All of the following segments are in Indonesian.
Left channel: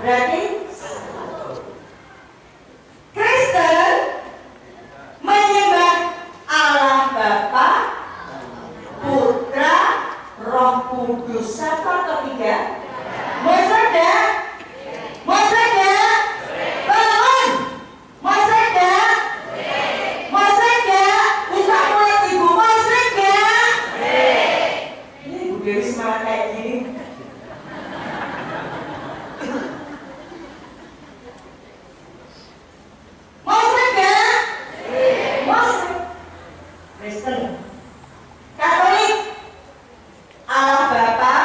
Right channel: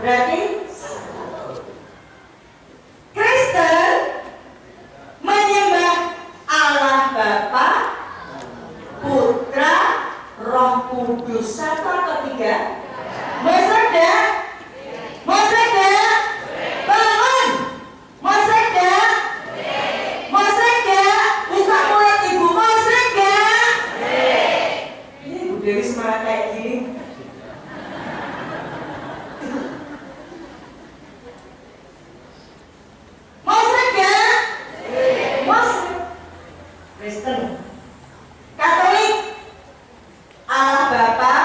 Berarti Kristen menyembah Allah Bapa, Putra, Roh Kudus. Satu atau tiga? Maksudnya? Maksudnya? Bangun! Maksudnya? Maksudnya? Buka mulut ibu, maksudnya? Ini Ibu Dewi semangat kayak gini. Maksudnya? Maksud Kristen Katolik Allah Bapa,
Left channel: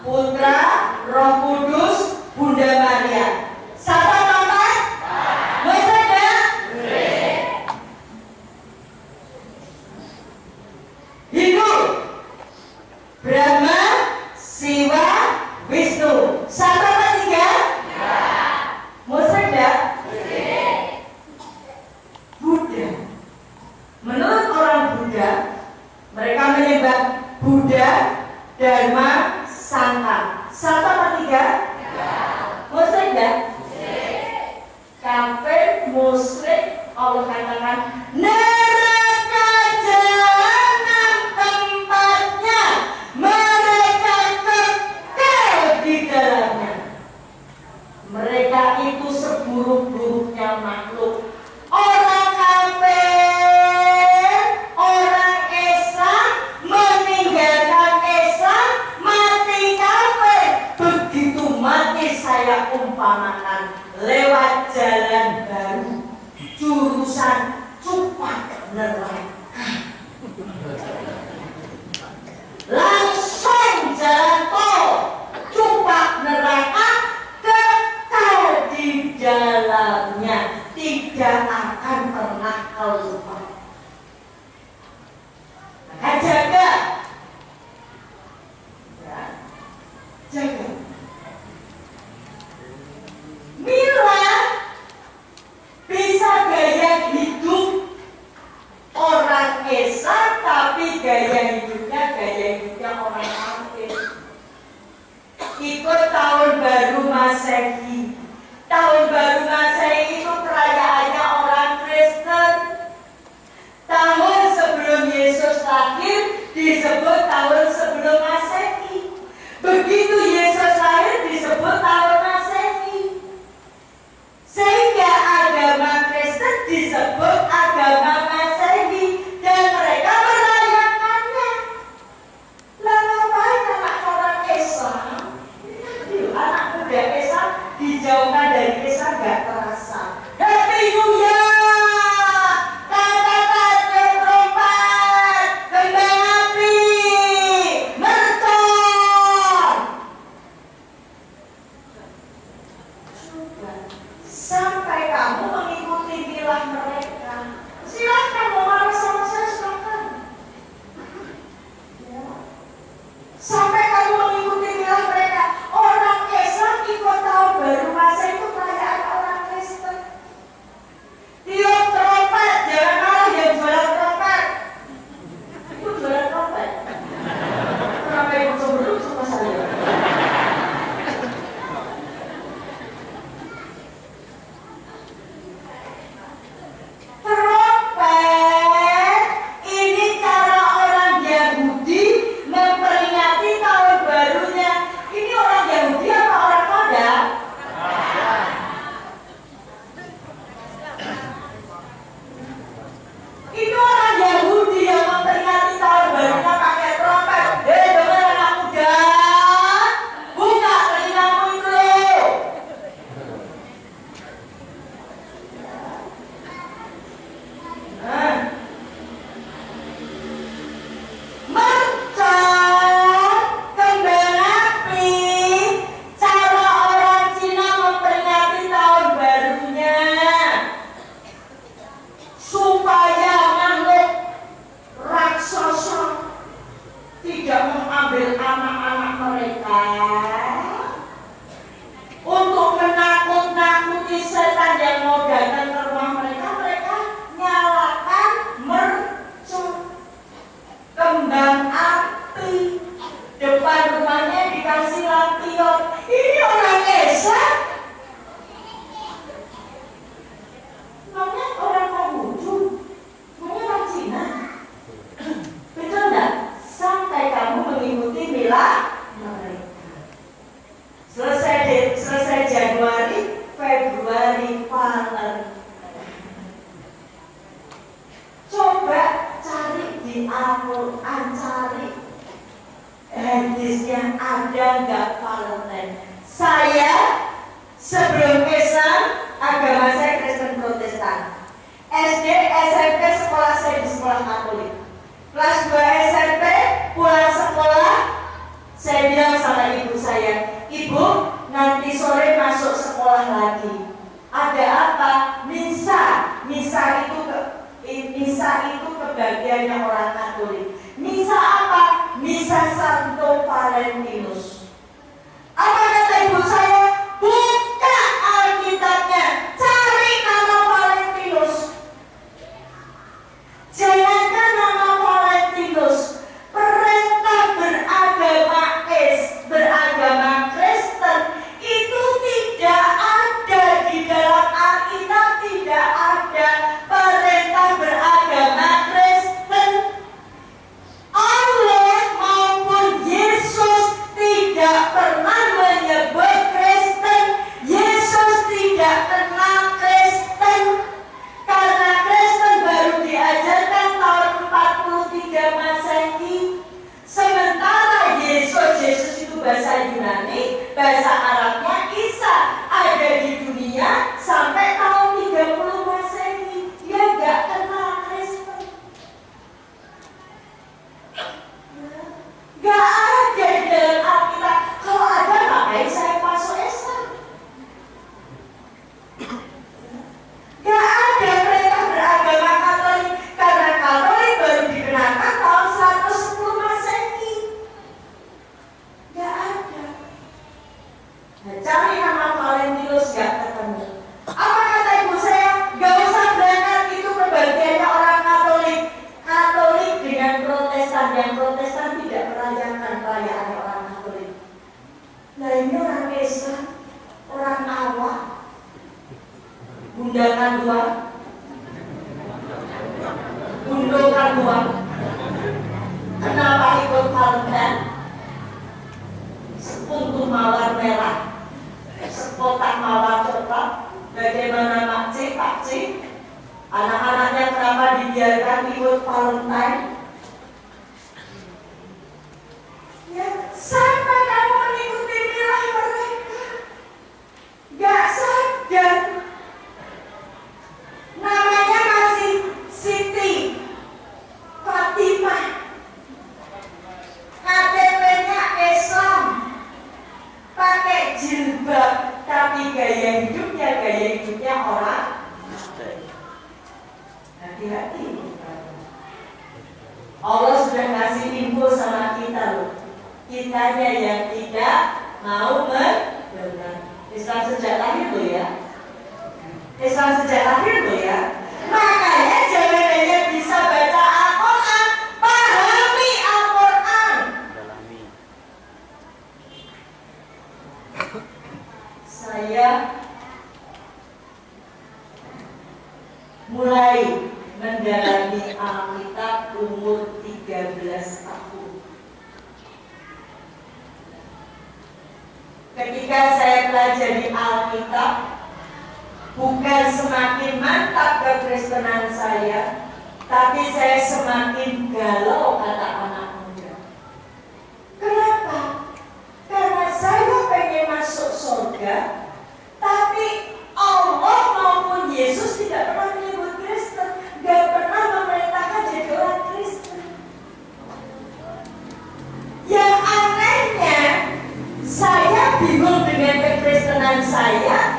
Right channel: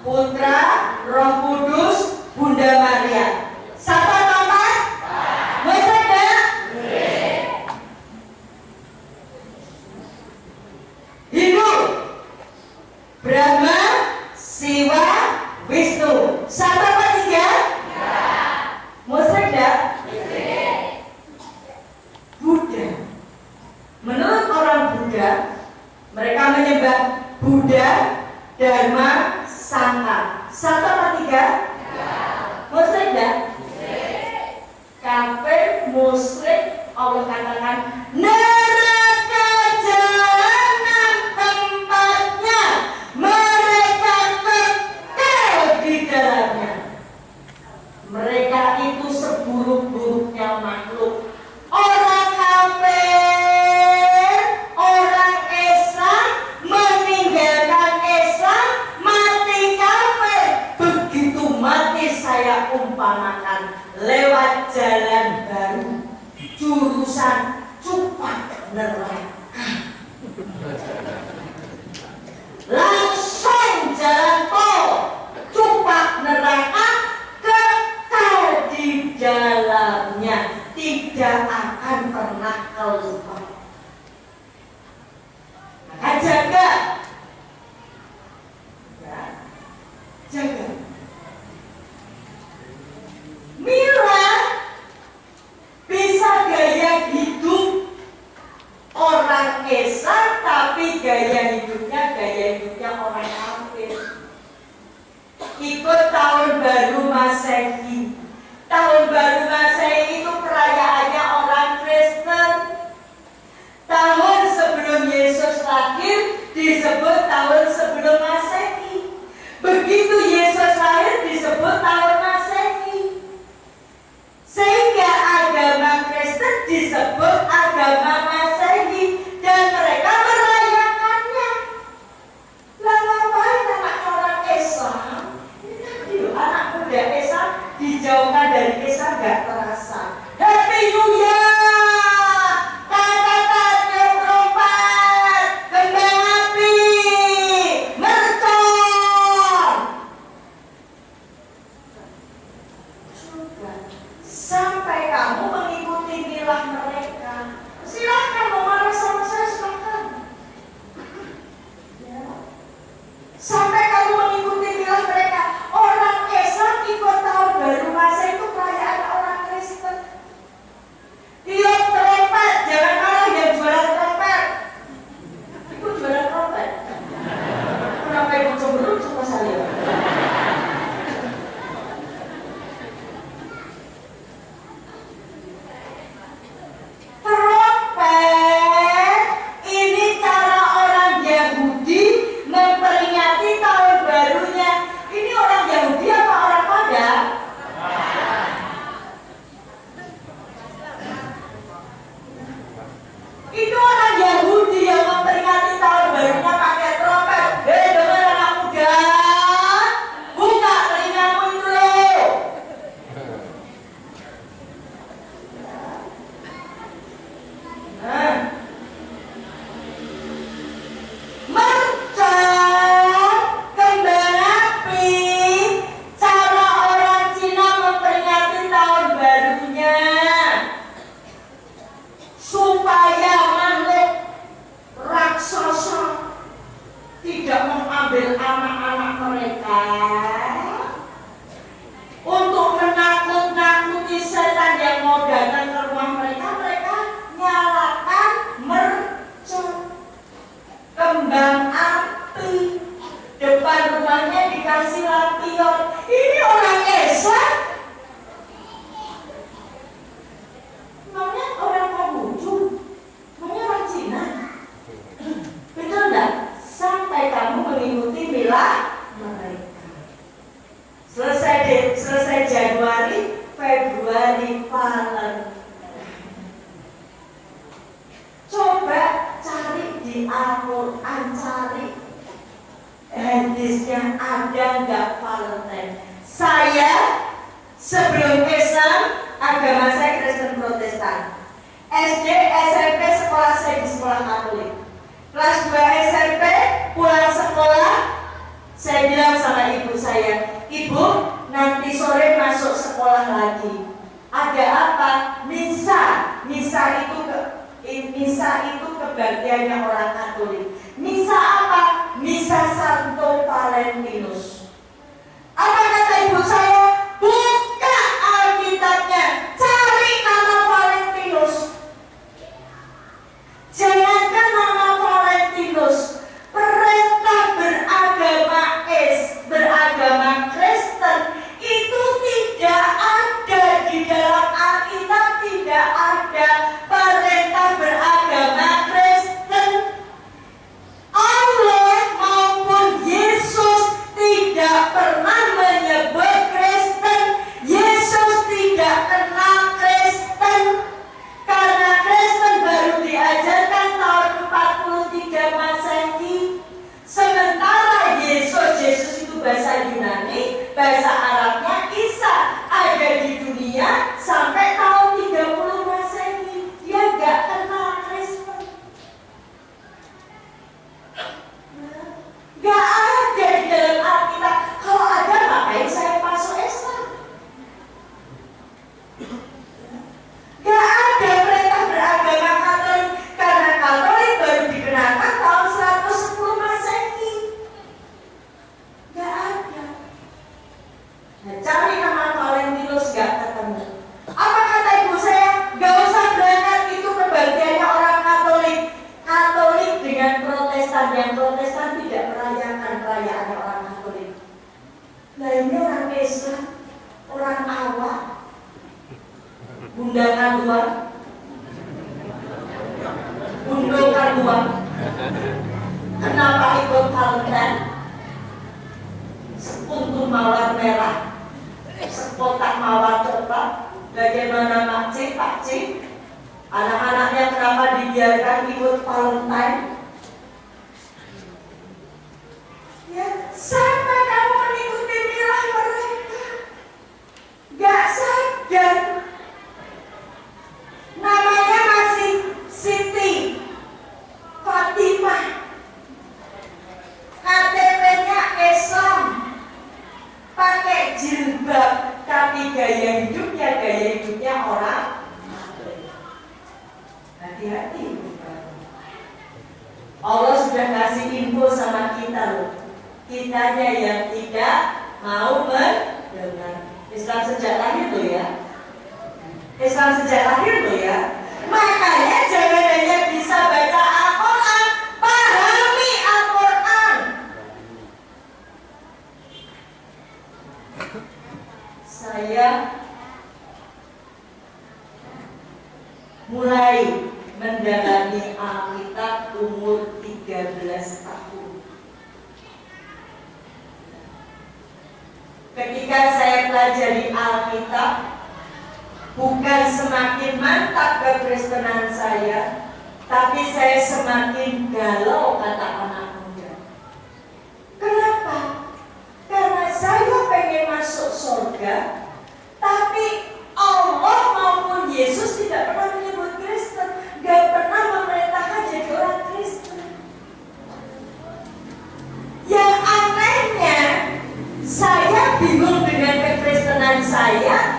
Putra, Roh Kudus, Bunda Maria. Satu atau empat? Maksudnya? Hindu Brahma, Siwa, Wisnu. Satu atau tiga? Maksudnya? Buddha. Menurut orang Buddha, mereka menyembah Buddha, Dharma, Sangha. Satu atau tiga? Maksudnya? Kafir, musyrik, Allah katakan neraka jahanam tempatnya, mereka kekal di dalamnya. Mereka itu seburuk-buruknya makhluk. Orang kafir, orang Islam meninggalkan Islam, mati kafir. Begitu mati saya umpamakan lewat jalan baru, jurusan Cupak neraka. Langsung jalan tol Cupak neraka, kekal di dalamnya, tidak akan pernah keluar. Maka jaga, ya, jaga. Mila bisa gaya hidup orang Islam, tapi gaya hidupnya orang kafir. Ikut tahun baru Masehi. Tahun baru Masehi itu perayaannya orang Kristen. Tahun sebelum Yesus lahir disebut tahun sebelum Masehi. Begitu Yesus lahir disebut tahun Masehi. Sehingga agama Kristen disebut agama Masehi dan mereka merayakannya. Lah ngapain anak orang Islam? Ini anak muda Islam dijauhkan dari Islam gak terasa. Happy New Year! Kata-kata trompat, kembang api, mercon. Coba sampai kamu mengikuti milah mereka. Silahkan mau marah sama saya, silahkan. Ya. Sampai kamu mengikuti milah mereka. Orang Islam ikut tahun baru masa itu perayaan orang Kristen. Tiup trompet, jangan malah yang jualan trompet. Itu jualan trompet. Kenapa ibu cemberut sama saya? Trompet ini cara orang Yahudi memperingati tahun barunya. Ini orang Yahudi apa orang Padang? Itu orang Yahudi yang memperingati tahun barunya pakai trompet. Dengar anak muda, buka telingamu itu loh. Nah, mercon, kembang api, cara orang Cina memperingati tahun barunya supaya makhluk raksasa tidak mengambil anak-anak mereka, untuk menakut-nakuti setan yang mau datang ke rumah mereka. Mereka nyalakan mercon, kembang api, depan rumahnya dikasih lampion. Ini orang Islam selesai Januari, Februari Maret. Coba cari di Al-Quran, cari hadisnya ada nggak Valentine. Saya sebelum Islam, agama saya Kristen Protestan. SD, SMP, sekolah saya di sekolah Katolik. Kelas 2 SMP, pulang sekolah, saya bilang sama ibu saya, "Ibu, nanti sore masuk sekolah lagi. Ada apa? Misa. Misa itu kebagiannya orang Katolik. Misa apa? Misa Santo Valentinus." Apa kata ibu saya? "Buka Alkitabnya, cari nama Valentinus." Jangankan nama Valentinus, perintah beragama Kristen itu tidak ada di dalam Alkitab, tidak ada perintah beragama Kristen. Allah maupun Yesus tidak pernah menyebut Kristen. Yesus tidak kenal Kristen, karena Kristen baru diajarkan tahun 43 Masehi. Sementara Yesus itu bahasa Yunani, bahasa Arabnya Isa, ada di dunia sampai tahun 30 Masehi. Dia gak kenal Kristen. Gak ada di dalam Alkitab. Kalau ada, ngapain saya masuk Islam? Gak ada perintah beragama Katolik, karena Katolik baru dikenakan tahun 110 Masehi. Gak ada. Nah, cari nama Valentinus gak ketemu. Apa kata ibu saya? Gak usah berangkat, itu kebagiannya orang Katolik. Katolik dengan Protestan, yang Protestan tidak merayakan perayaannya orang Katolik. Nah, ini orang Islam, orang awam. Undangan dua, undangan dua. Kenapa ikut Valentine? Sepuntung mawar merah, sekotak mawar coklat. Bagaimana Pak C? Anak-anaknya kenapa dibiarkan ikut Valentine? Ya, sampai kamu mengikuti milah mereka, gak sadar. Namanya masih Siti Fatimah, KTP-nya Islam, pakai jilbab, tapi gaya hidupnya orang. Hati-hati. Allah sudah kasih info sama kita loh. Kitanya yang tidak mau mendengar. Islam sejak lahir loh ya. Islam sejak lahir loh ya. Makanya jangan hanya bisa baca Al-Quran, pahami Al-Quran. Saya mulai mendalami Alkitab umur 13 tahun. Ketika saya pelajari Alkitab, bukan semakin mantap kekristenan saya, tapi saya semakin galau, kata anak muda. Kenapa? Karena saya pengen masuk surga, tapi Allah maupun Yesus tidak pernah menyebut Kristen, gak pernah memerintahkan jadi orang Kristen. Yang anehnya, saya bingung dengan kekristenan saya,